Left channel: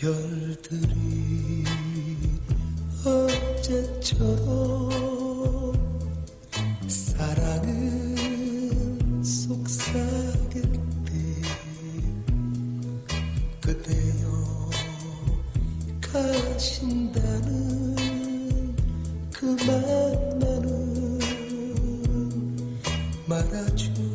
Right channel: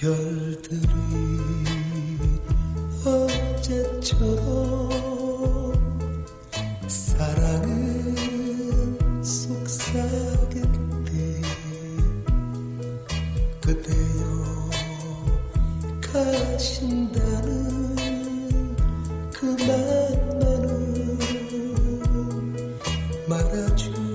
별들이 어제처럼 사랑을 속삭일 때 그대여 가신다는 그 만나는 말하지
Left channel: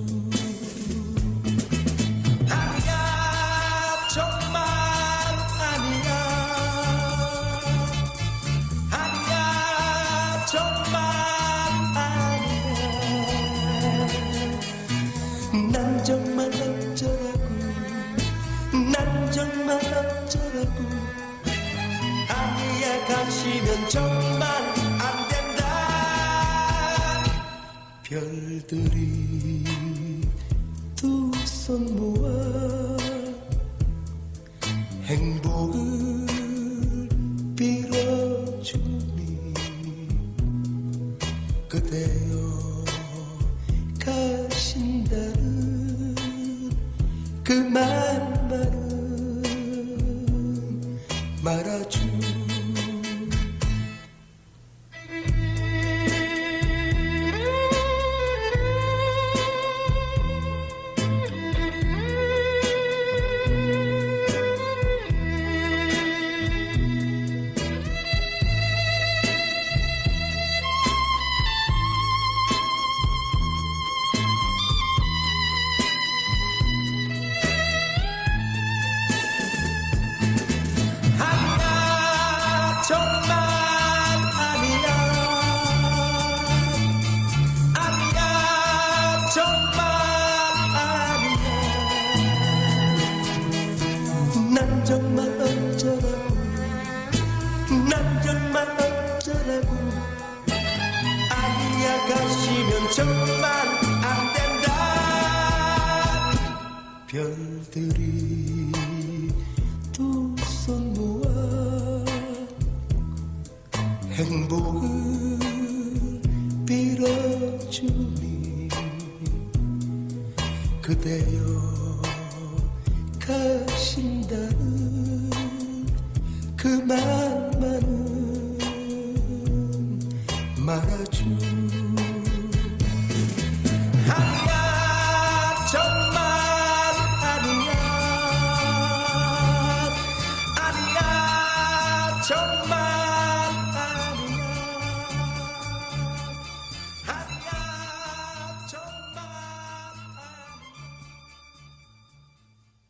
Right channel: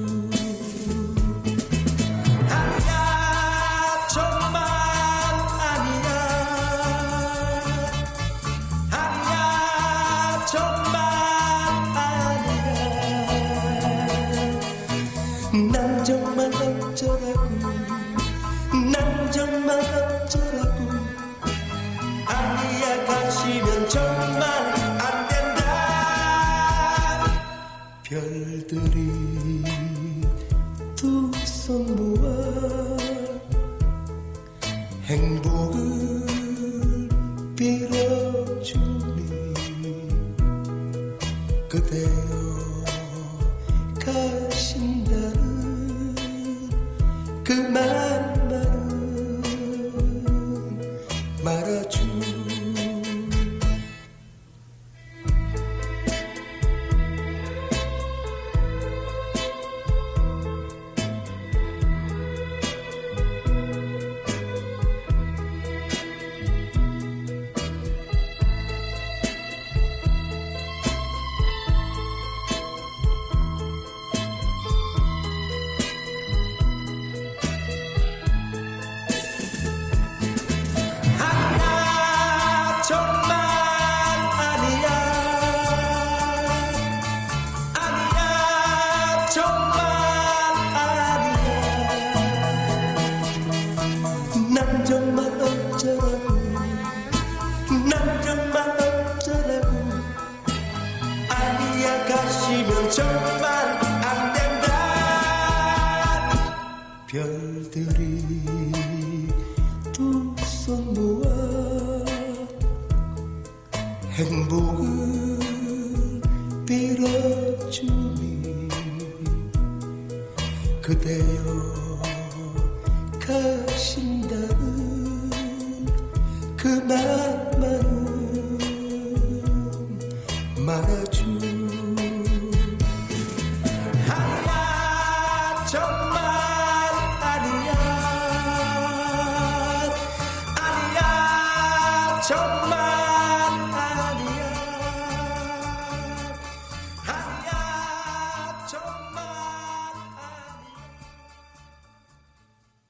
정말 어쩌라고. 아니야 가시면 정말 안 된다. 별들이 두 손 모아 행복을 빌어주니 그대여 가신다는 그 말만은 말아주 가시면 정말 안 된다. 별들이 두 손 모아 행복을 빌어주니 그대여 가신다는 그 말만은 말아주 Tell me.